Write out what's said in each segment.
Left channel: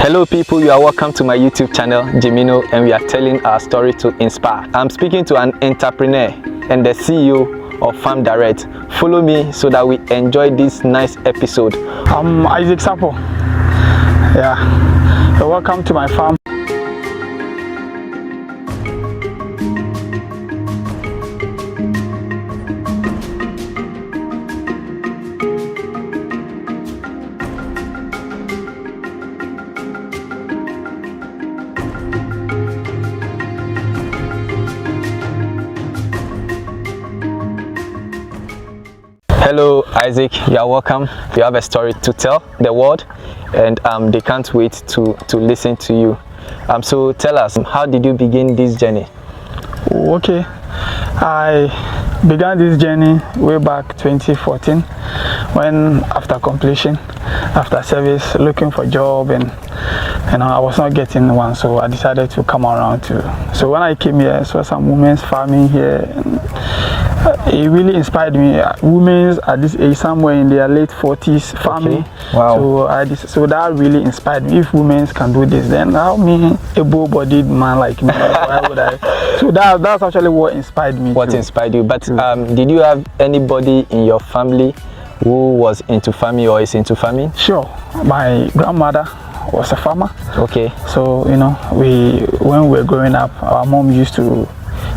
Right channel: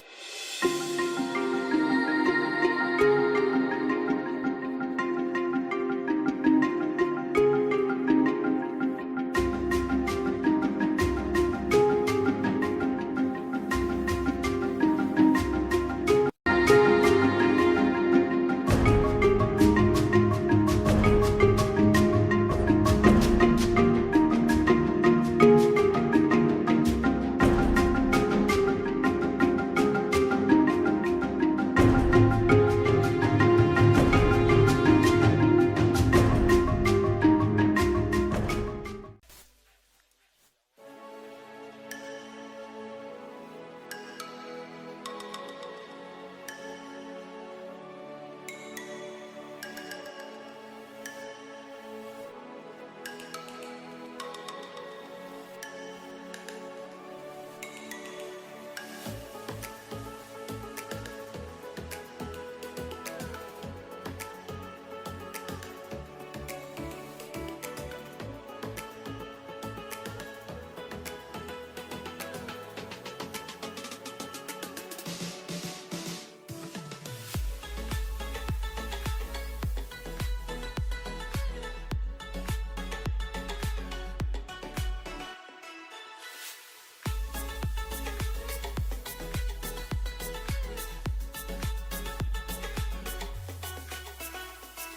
Hello people, you are welcome to my YouTube channel, Jimino, and we are telling our story to inspire. I'm speaking to an entrepreneur and the CEO of Farm Direct. Follow me so that we enjoy this nice episode. I'm Isaac Sapo. Yeah, so welcome to my farm. Hello Isaac, you are welcome. You have a story to tell the world and they can't wait to listen to you. So tell us, how did you begin this journey? Okay, I began this journey way back 2014 when after completion, after service, looking for a job, and I was not getting one, so I decided to come around too. So when I came here, I saw some women's farming here, and it really inspired me. Women at this age, somewhere in their late 40s, farming. Okay. Wow. So that really inspired me. If women can do this, then how me, able-bodied man like me, why would I? So that's actually what inspired me. What inspired you? But did you have anybody in your family who was into farming or is into farming? Sure. My grandmother was a farmer. Okay. So when we were growing up, our mom used to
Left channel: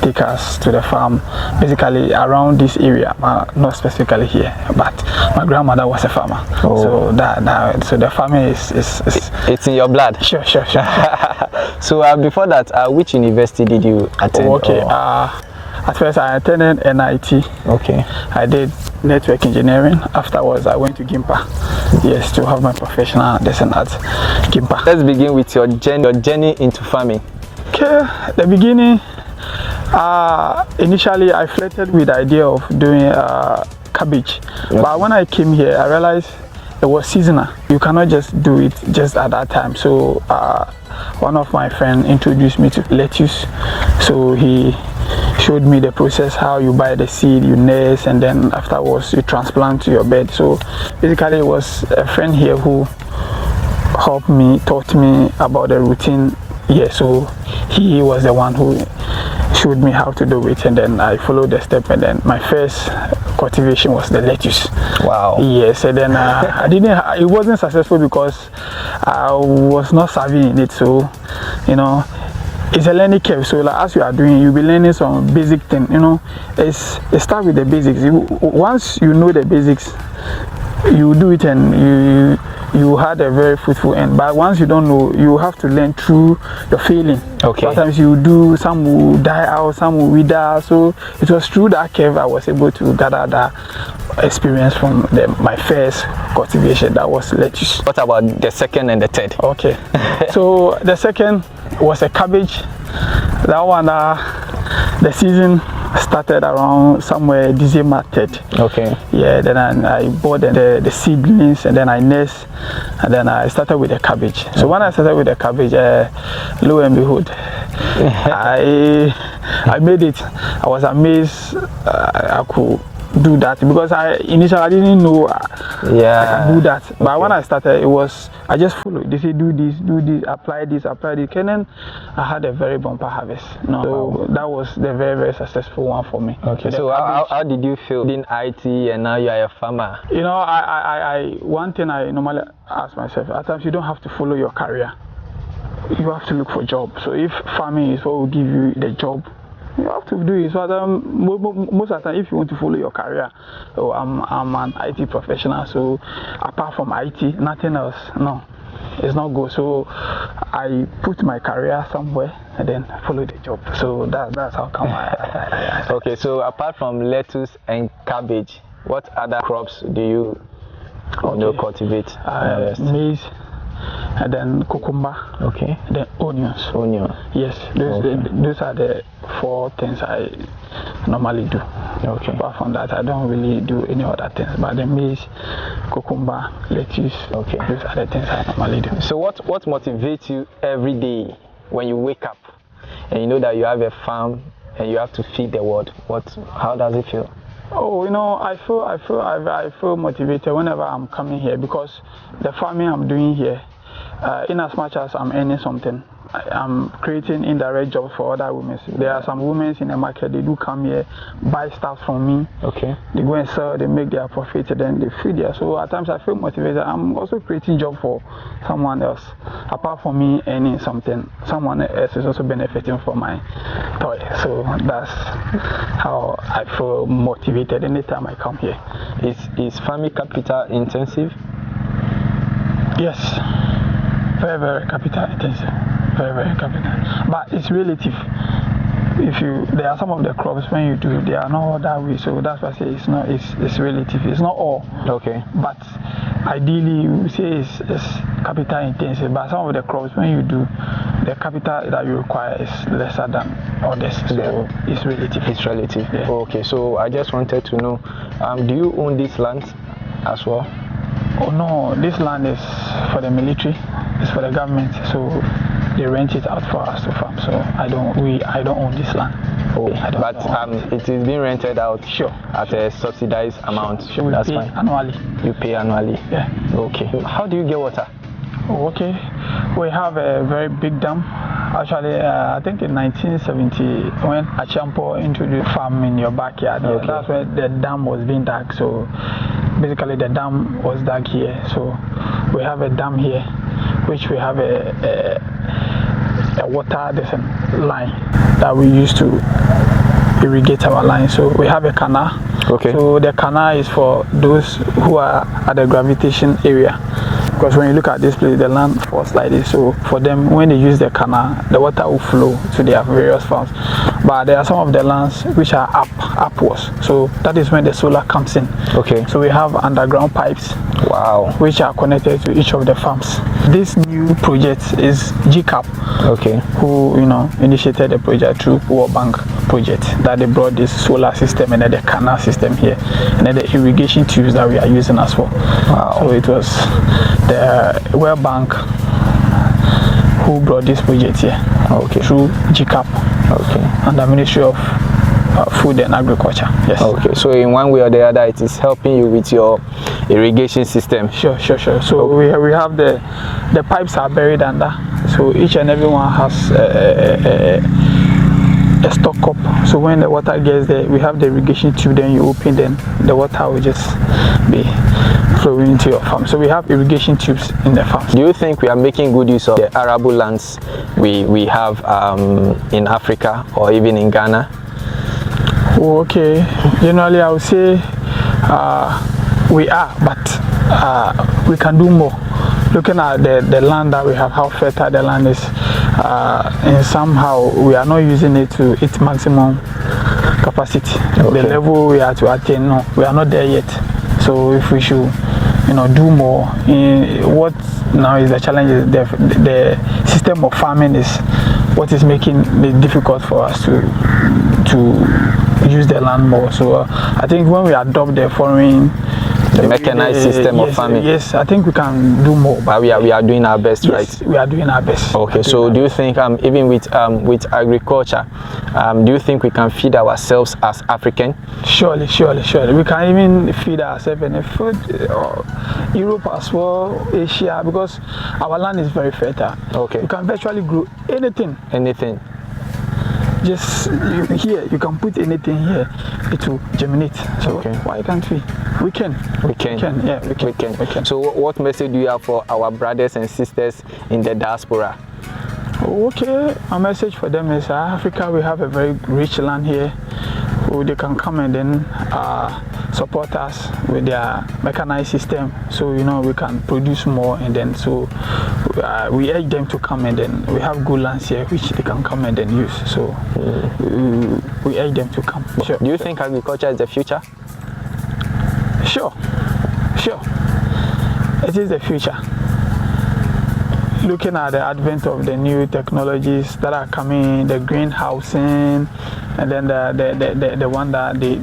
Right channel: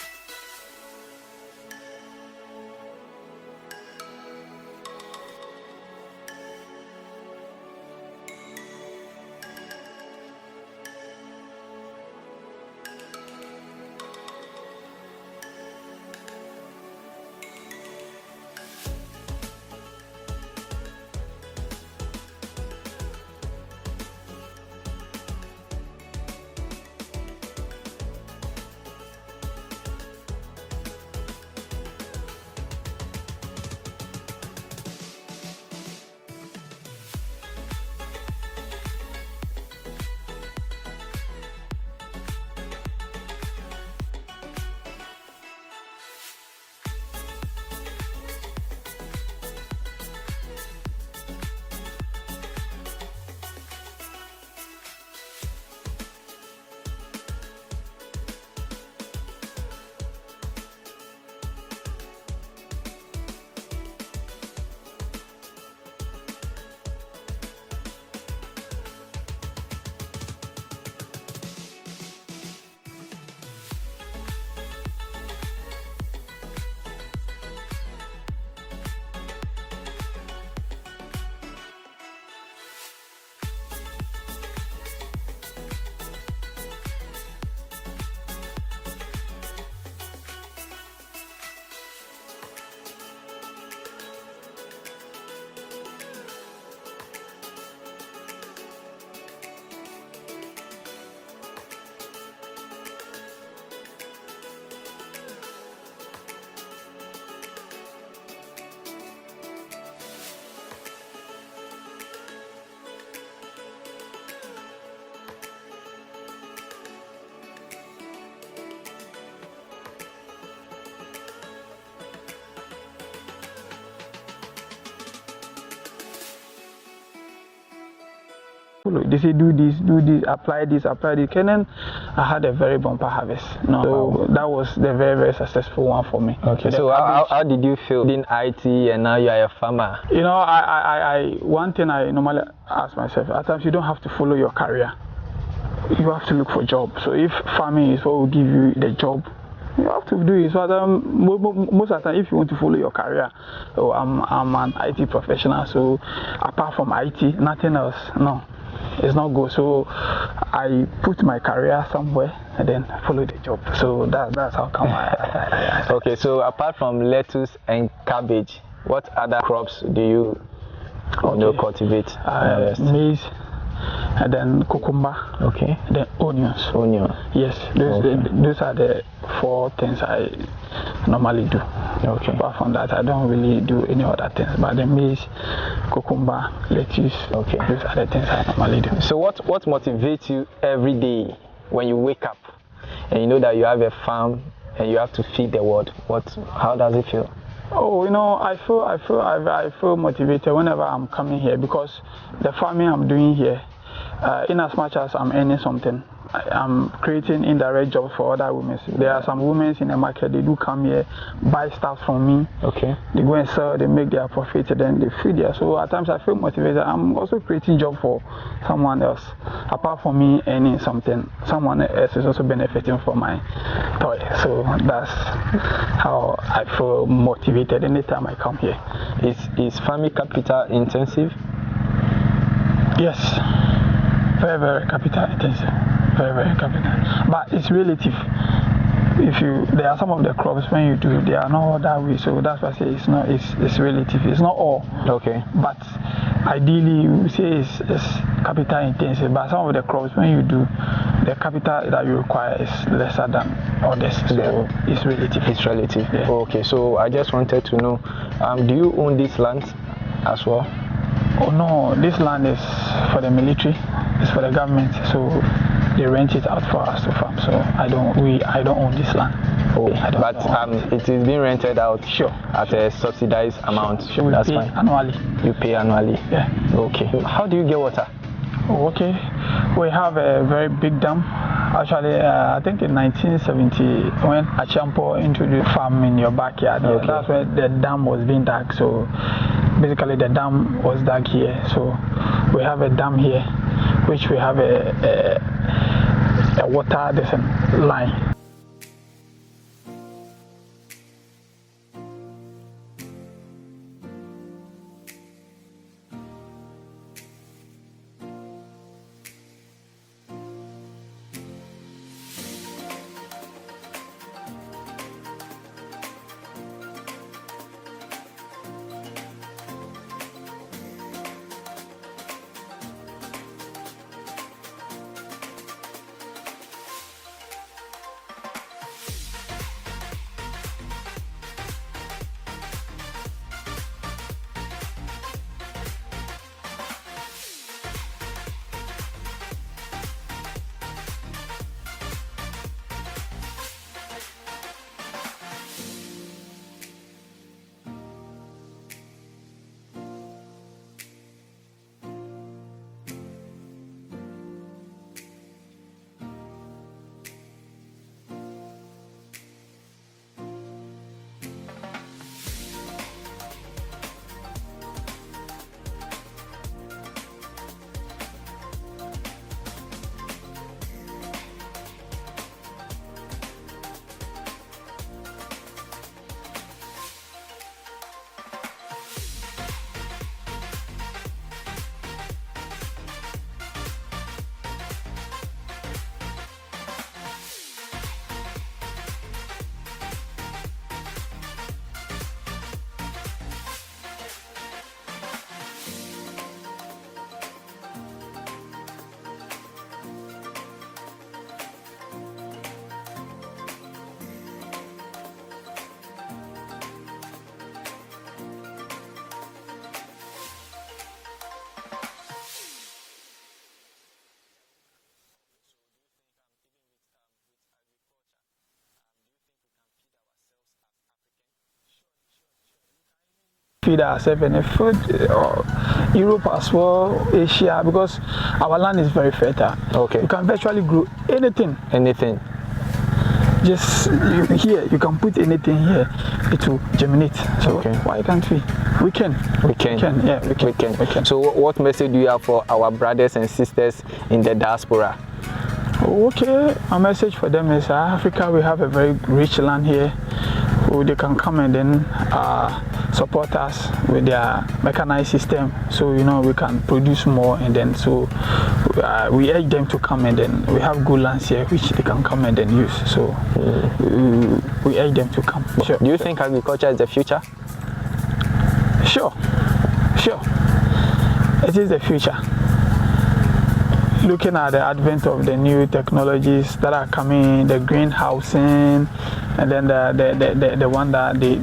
take us to the farm, basically around this area, not specifically here, but my grandmother was a farmer. Oh. So the farming is it's in your blood. Sure. So before that, which university did you attend? Okay. At first I attended NIT. Okay. I did network engineering. Afterwards I went to Gimpa. Yes, to have my professional lesson at Gimpa. Let's begin with your journey into farming. Okay, the beginning. Initially I flirted with the idea of doing cabbage, but when I came here I realized it was seasonal. You cannot just do it just at that time. So one of my friends introduced me to lettuce. So he showed me the process, how you buy the seed, you nurse, and then afterwards you transplant to your bed. So basically it was a friend here who helped me, taught me about the routine. Yeah, so he was the one who showed me how to do it, and then I followed the step, and then my first cultivation was the lettuce. Wow. Yes, and then it wasn't successful because I was not savvy in it. So it's a learning curve. So like, as you are doing, you'll be learning some basic thing. It starts with the basics. Once you know the basics, you do it and you had a very fruitful end. But once you don't know, you have to learn through the failing. Okay. Sometimes you do, some will die out, some will wither. So it was through that curve I was able to gather that experience from my first cultivation. That was lettuce. What about the second and the third? Okay. So the second was a cabbage. That one, the season started around somewhere December 3rd. Okay. Yeah, then I bought the seedlings, and then I nursed, and then I started with the cabbage. So when I started with the cabbage, lo and behold, I made it. I was amazed I could do that, because initially I didn't know I can do that. But when I started, I just followed. They say do this, apply this, and then I had a very bumper harvest. So that was the very, very successful one for me. Okay. So how did you feel in IT and now you are a farmer? One thing I normally ask myself, at times you don't have to follow your career. You have to look for a job. So if farming is what will give you the job, you have to do it. So most of the time, if you want to follow your career, I'm an IT professional, so apart from IT, nothing else, no, it's not good. So I put my career somewhere and then follow the job. So that's how come I Okay, so apart from lettuce and cabbage, what other crops do you cultivate? Maize, and then cucumber, okay, then onions. Yes, those are the 4 things I normally do. Okay. Apart from that, I don't really do any other things. But the maize, cucumber, lettuce, okay, those are the things I normally do. So what motivates you every day when you wake up and you know that you have a farm and you have to feed the world? How does it feel? I feel motivated whenever I'm coming here, because the farming I'm doing here, in as much as I'm earning something, I'm creating indirect jobs for other women. There are some women in the market, they do come here, buy stuff from me. Okay. They go and sell, they make their profit, and then they feed there. So at times I feel motivated. I'm also creating job for someone else. Apart from me earning something, someone else is also benefiting from my toy. So that's how I feel motivated anytime I come here. Is farming capital intensive? Yes. Very, very capital intensive. Very, very capital. But it's relative. There are some of the crops when you do, they are not that way. So that's why I say it's relative. It's not all. Okay. But ideally, you say it's capital intensive. But some of the crops when you do, the capital that you require is lesser than others. So it's relative. It's relative. Yeah. Okay. So I just wanted to know, do you own this land as well? Oh no, this land is for the military. It's for the government. So they rent it out for us to farm. So I don't own this land. Oh, but it is being rented out. Sure. At a subsidized amount. Sure. That's fine. Annually. You pay annually. Yeah. Okay. How do you get water? Oh, okay. We have a very big dam. Actually, I think in 1970, when Achampo introduced farm in your backyard, okay. That's where the dam was being dug. So basically, the dam was dug here. So we have a dam here, which we have a water line that we use to irrigate our line. So we have a canal. Okay. So the canal is for those who are at the gravitation area. Because when you look at this place, the land falls like this. So for them, when they use the canal, the water will flow to their various farms. But there are some of the lands which are upwards. So that is when the solar comes in. Okay. So we have underground pipes. Wow. Which are connected to each of the farms. This new project is GCAP. Okay. Who initiated the project through World Bank project, that they brought this solar system and then the canal system here, and then the irrigation tubes that we are using as well. Wow. So it was the World Bank who brought this project here. Okay. Through GCAP. Okay. And the Ministry of Food and Agriculture. Yes. Okay. So in one way or the other, it is helping you with your irrigation system. Sure. So okay. we have the pipes are buried under. So each and every one has a stock cup. So when the water gets there, we have the irrigation tube. Then you open, then the water will just be flowing into your farm. So we have irrigation tubes in the farm. Do you think we are making good use of the arable lands we have in Africa or even in Ghana? Oh, okay. Generally, I would say we are, but we can do more. Looking at the land that we have, how fertile the land is, and somehow we are not using it to its maximum capacity. Okay. The level we are to attain, no, we are not there yet. So if we should, do more. What now is the challenge is the system of farming is what is making it difficult for us to use the land more. So I think when we adopt the mechanized system of farming. Yes, I think we can do more. But we are doing our best, yes, right? We are doing our best. Okay, so do you think even with agriculture, do you think we can feed ourselves as African? Surely. We can even feed ourselves in food, Europe as well, Asia, because our land is very fertile. Okay. You can virtually grow anything. Just here, you can put anything here, it will germinate. So okay. Why can't we? We can. Yeah, we can. So what message do you have for our brothers and sisters in the diaspora? Okay, our message for them is Africa, we have a very rich land here. They can come and then support us with their mechanized system, so we can produce more, and then so we urge them to come, and then we have good lands here which they can come and then use. So we urge them to come. Sure. Do you think agriculture is the future? Sure. It is the future. Looking at the advent of the new technologies that are coming, the greenhousing, and then the one that they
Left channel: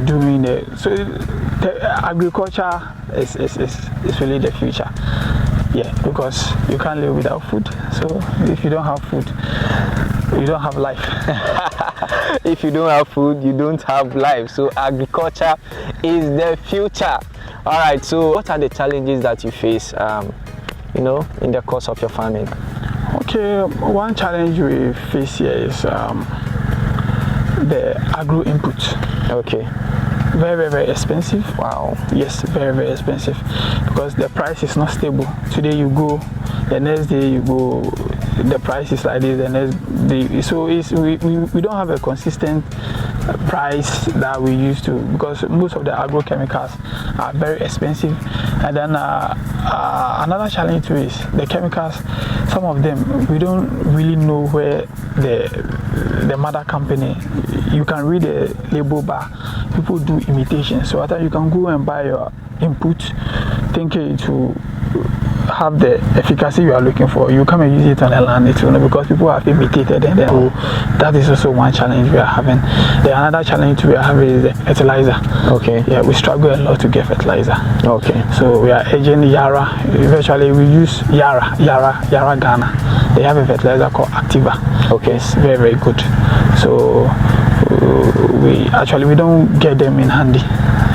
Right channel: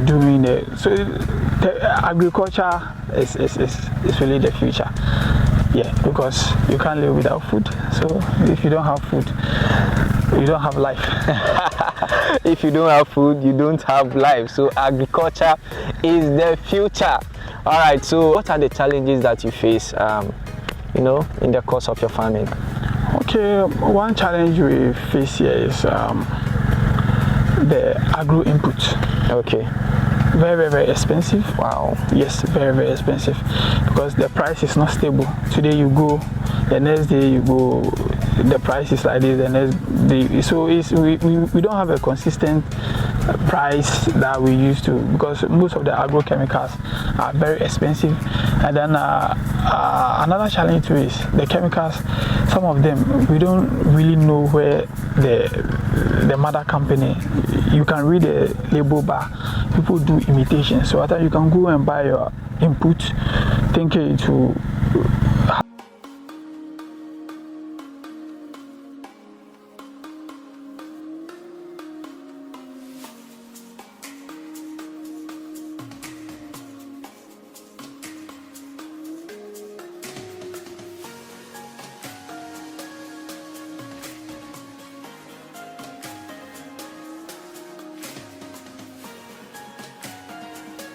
doing so the agriculture is really the future. Yeah, because you can't live without food. So if you don't have food, you don't have life. If you don't have food, you don't have life. So agriculture is the future. All right. So what are the challenges that you face in the course of your farming? Okay, one challenge we face here is the agro input. Okay. Very, very expensive. Wow. Yes, very, very expensive, because the price is not stable. Today you go, the next day you go, the price is like this, the next day. So we don't have a consistent price that we used to, because most of the agrochemicals are very expensive. And then another challenge too is the chemicals. Some of them we don't really know where the mother company. You can read the label, but people do imitation. So after you can go and buy your input, thinking to have the efficacy you are looking for. You come and use it on the land, because people have imitated, and then that is also one challenge we are having. Another challenge we are having is the fertilizer. Okay. Yeah, we struggle a lot to get fertilizer. Okay. So we are urging Yara. Eventually we use Yara Ghana. They have a fertilizer called Activa. Okay. It's very, very good. So we don't get them in handy.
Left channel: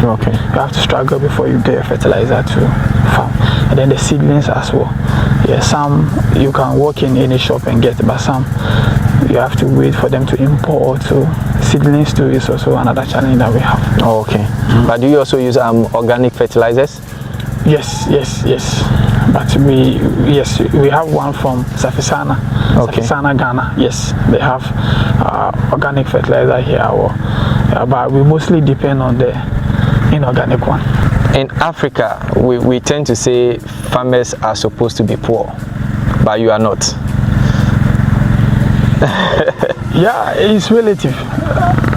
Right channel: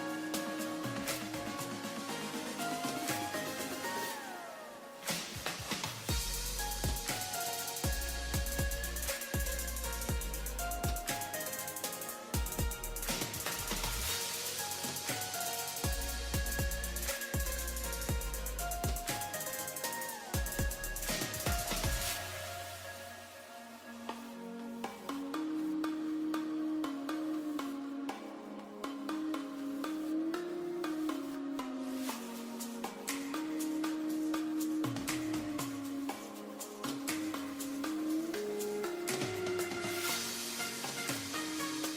Okay. You have to struggle before you get a fertilizer to farm. And then the seedlings as well. Yeah, some you can walk in any shop and get, but some you have to wait for them to import. So seedlings too is also another challenge that we have. Oh, okay. But do you also use organic fertilizers? Yes. But we have one from Safisana. Okay. Safisana Ghana. Yes, they have organic fertilizer here. But we mostly depend on the inorganic one. In Africa, we tend to say farmers are supposed to be poor, but you are not. Yeah, it's relative.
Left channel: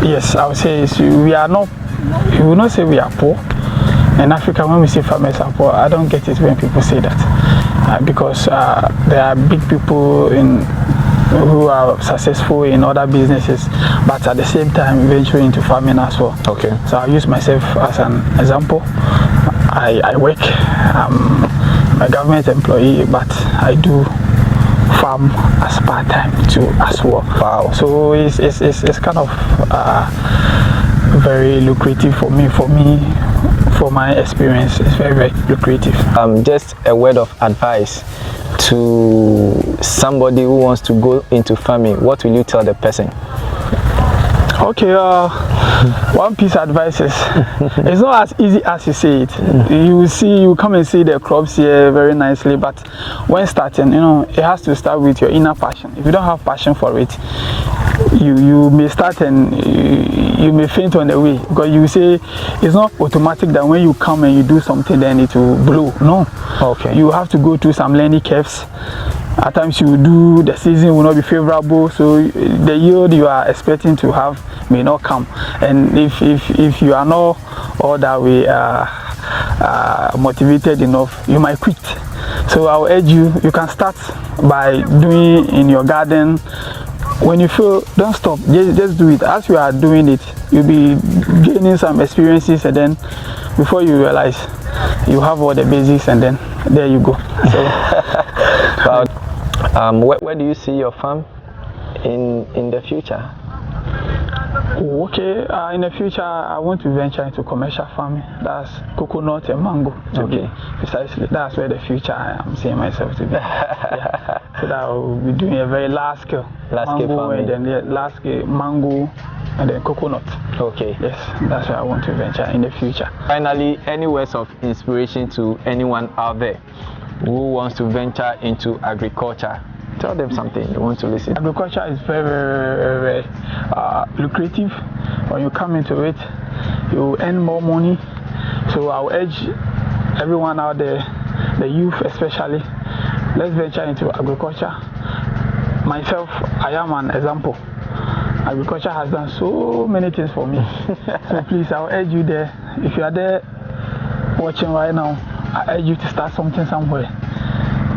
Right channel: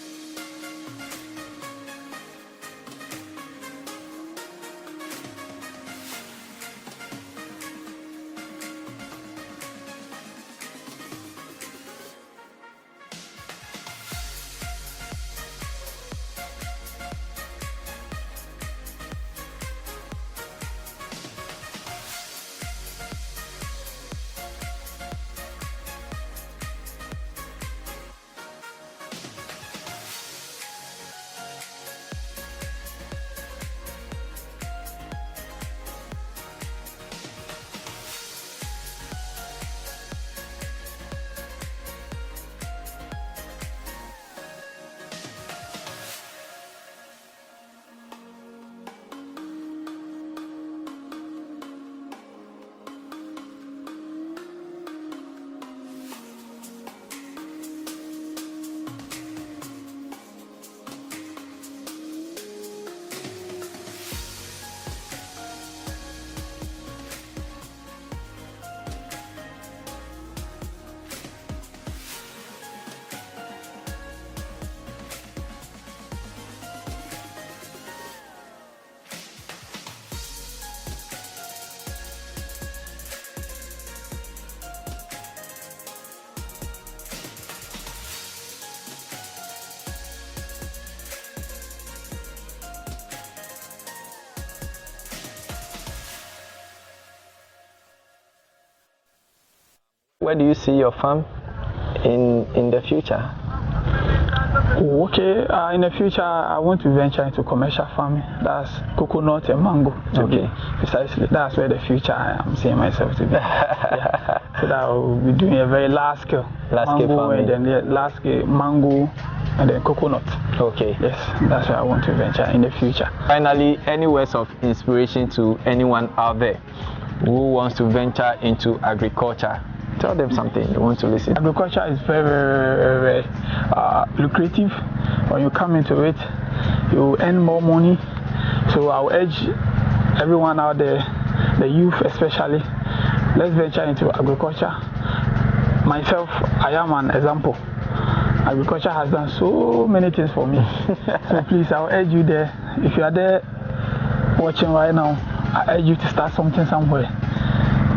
Yes, I would say we are not. We will not say we are poor. In Africa, when we say farmers are poor, I don't get it when people say that, because there are big people who are successful in other businesses, but at the same time venturing into farming as well. Okay. So I use myself as an example. I work. I'm a government employee, but I do farm as part-time too as well. Wow. So it's kind of very lucrative for me. For my experience, it's very, very lucrative. Just a word of advice to somebody who wants to go into farming. What will you tell the person? Okay, one piece of advice is it's not as easy as you say it. You come and see the crops here very nicely, but when starting, it has to start with your inner passion. If you don't have passion for it, you may start and you may faint on the way, because you say it's not automatic that when you come and you do something then it will blow. No. Okay. You have to go through some learning curves. At times the season will not be favorable, so the yield you are expecting to have may not come. And if you are not all that way motivated enough, you might quit. So I will urge you can start by doing in your garden. When you feel, don't stop, just do it. As you are doing it, you'll be gaining some experiences, and then before you realize, you have all the basics, and then there you go. So, where do you see your farm in the future? Okay, in the future, I want to venture into commercial farming. That's coconut and mango. Okay. Precisely, that's where the future I am seeing myself to be. Yeah. So that I will be doing a very large scale mango, farming. and then large scale mango, and then coconut. Okay. Yes, that's where I want to venture in the future. Finally, any words of inspiration to anyone out there who wants to venture into agriculture? Tell them something they want to listen. Agriculture is very, very, very lucrative. When you come into it, you earn more money. So I will urge everyone out there, the youth especially, let's venture into agriculture. Myself, I am an example. Agriculture has done so many things for me. So please, I will urge you there. If you are there watching right now, I urge you to start something somewhere.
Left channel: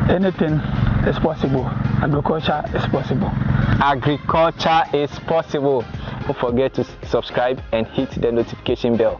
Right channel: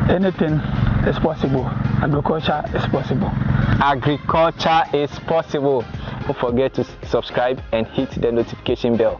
Anything is possible. Agriculture is possible. Agriculture is possible. Don't forget to subscribe and hit the notification bell.